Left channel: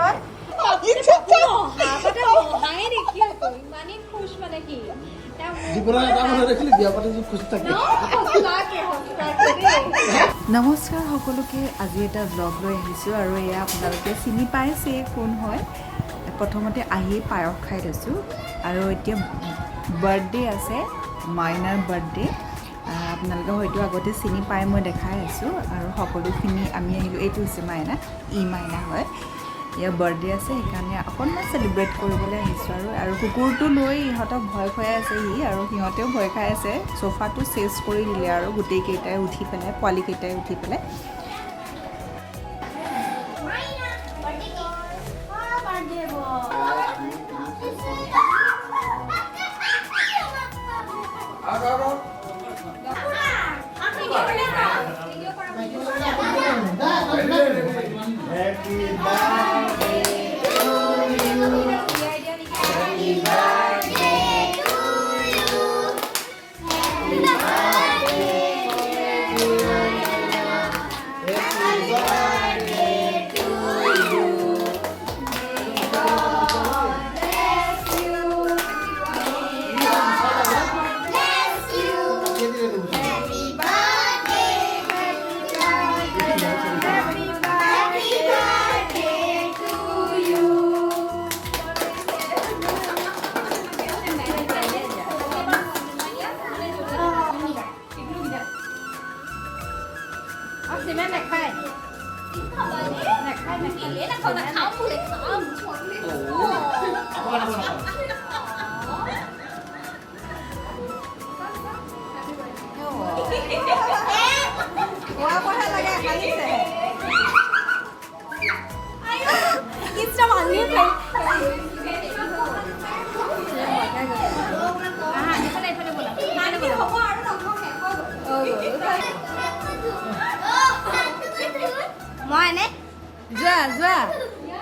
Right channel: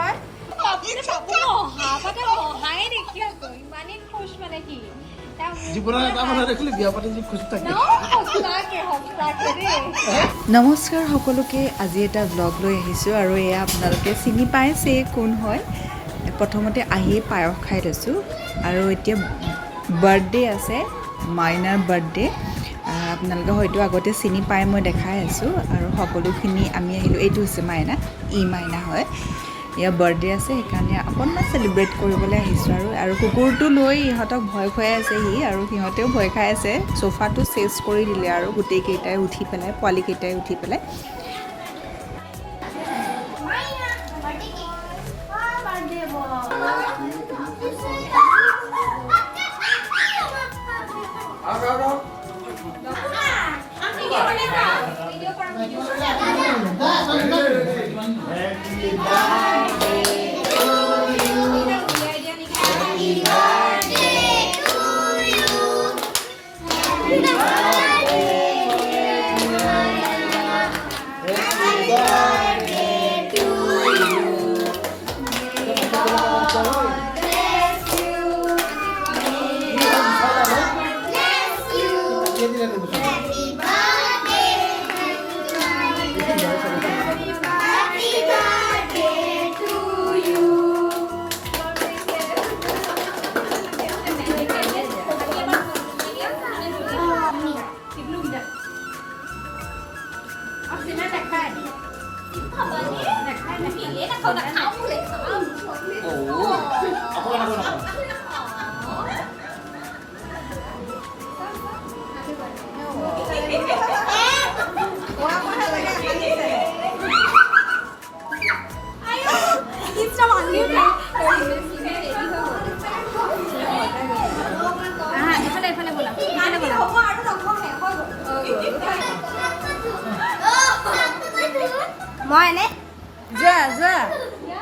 হয় নমস্কাৰ সকলোকে আজি এটা ব্লগ লৈ আহিছোঁ আৰু এয়া আপোনালোকে চিনি পাইছে কোন হয় প্ৰথমতে আহি পায়স খাই লৈছোঁ আৰু এতিয়া বাৰ্থডে আছে মাইনাৰ বাৰ্থডে আপোনালোকে হয়তো আগতে চিনি পাই মই দেখাই আছোঁ আৰু সকলোখিনি আমি আহিলোঁ এইটো হৈছে মাইনা মাইনা হয় ইয়াৰ বাৰ্থডে আছে সেইকাৰণে অকণমান চেলিব্ৰেট কৰিবলৈ আহিছোঁ আৰু কুকুৰটো লৈ ইহঁতক ভয় খুৱাই আছে আৰু সিহঁতেও ভয় খাই আছে চোফাটো চেঞ্জ কৰি দিলে আৰু গোটেইকেইটাই উঠি পেলাই পোৱালিকেইটাই উঠি পেলাই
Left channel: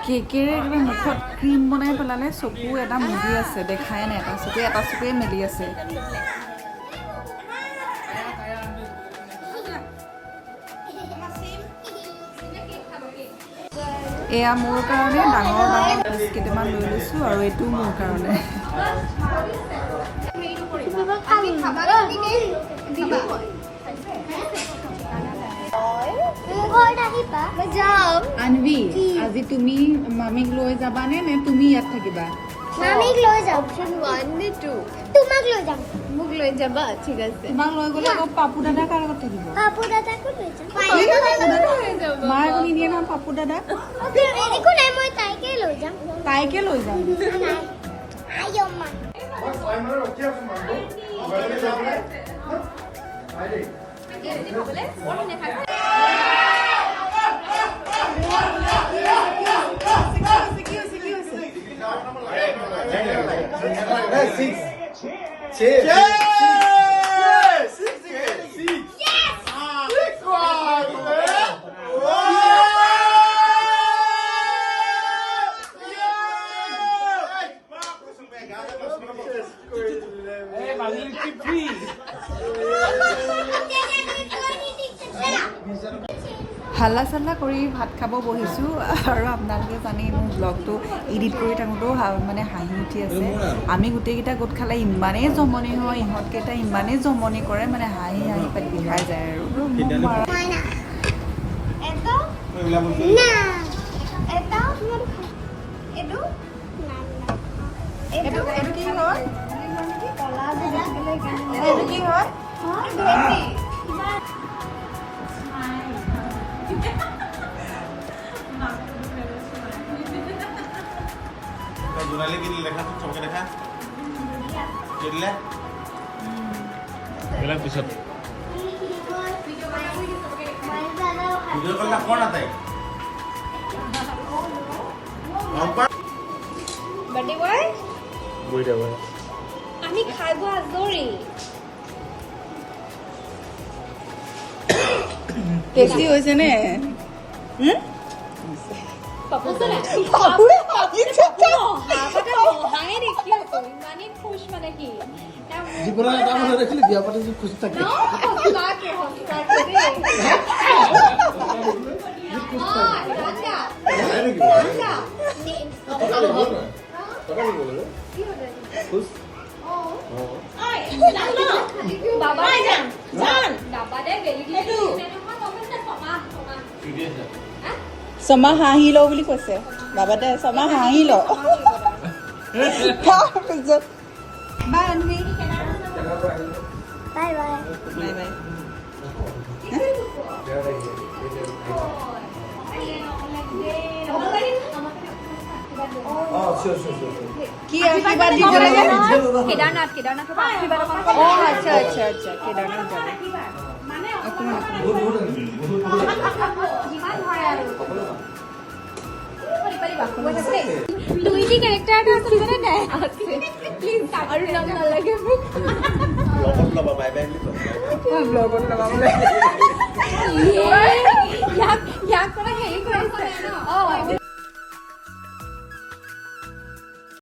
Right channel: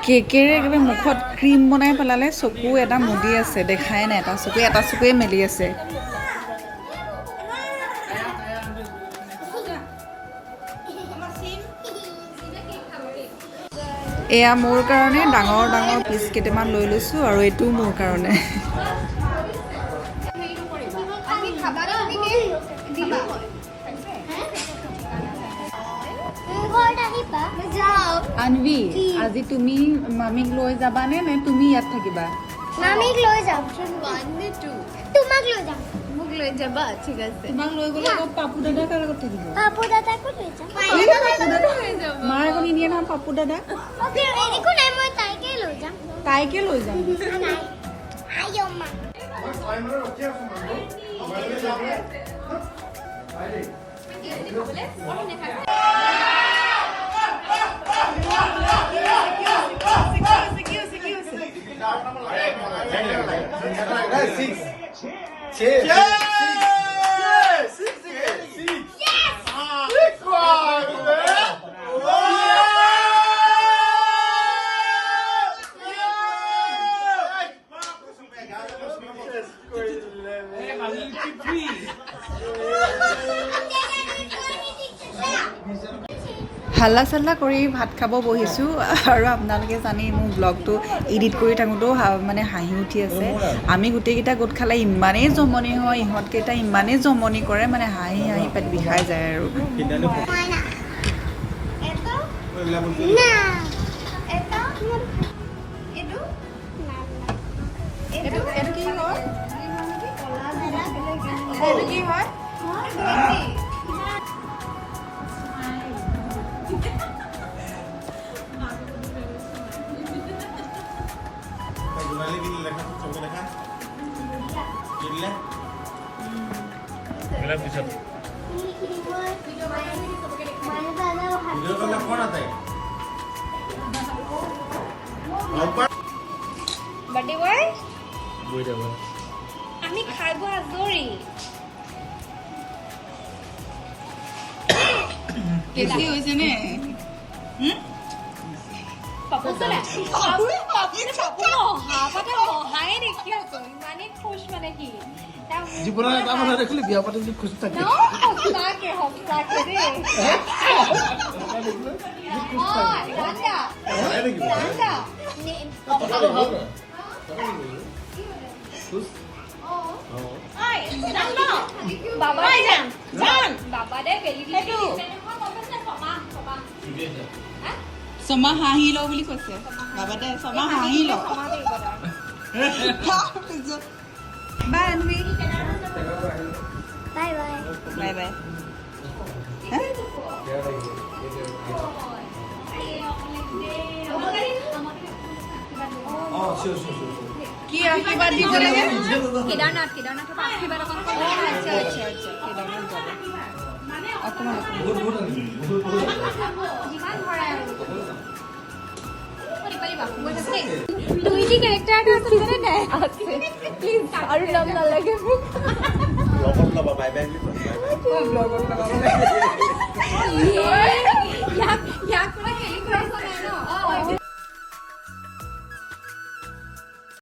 কেকেৰে একেবাৰে মুখত ক্ৰীম বনাই পেলালে চকু এটা মুদি আছে দেখাই নাই এটা চকুৱে মেলি আছে এয়া মোৰ কাৰণে ডাঙৰ ডাঙৰ পিচ কেইটামান লৈ লৈছোঁ আৰু এইটো মোৰ কাৰণে আনভি আজি তুমি মামীক লৈ যাবানে নে তুমি ইয়াত থাকিবা মামীক লৈ যাম 1 নে 2 তোমাক লৈ যাম মোক লৈ যাবা ঠিক আছে তোমাক লৈ গ'লে পাপু দাদা কাৰ লগত থাকিব পাপু দাদাকো লৈ যাম মাৰ আকৌ নিদিয়ে নহয় পাপু দাদা একো নাই মই তাইকে লৈ যাম আইও মা হাল্লা চাল্লা কৰি ভাত খাব বহিছোঁ আৰু আপোনালোকে জানি মোৰ ব্লগটো এডিট কৰি থাকোঁতেও মানে হাঁহি উঠি আছে আমি গোটেইকেইটা গোট খালে ইমানেই জমনি হয় ইহঁতকেইটা ইমানেই জমনি কৰে মানে হাঁহি হাঁহি পেট বিষাই যায় আৰু Jurnalnya gini lekha tuh coba lekha. Jadi ya. Bila bisa. Video kalau nak kona tay. Apa? Birthday boy? Boy dah boy. আমি খাইব আদৰি টেষ্টি হৈছে নে জীবনে এটা কথা দেখিলি বিয়া পাতি খুশ থাকে ছমাহ হাঁহি ল বুলি কৈছে বাবাতে ছমাহ হাঁহি ল বাই বাই বাই বাই কি আশীৰ্বাদ দিব লাগে কেদাৰনাথৰ পৰা আশীৰ্বাদ অকণ অ আচ্ছা আচ্ছা আচ্ছা কেদাৰনাথ যাব অকণমান যিমান হয় আৰু তুমি কি কেৰেক্টাৰ এটা আছে জানে নাই প্লিজ আৰু নাম নালাগে ইয়াক পৰা হেৰি কৰিছা নাই ন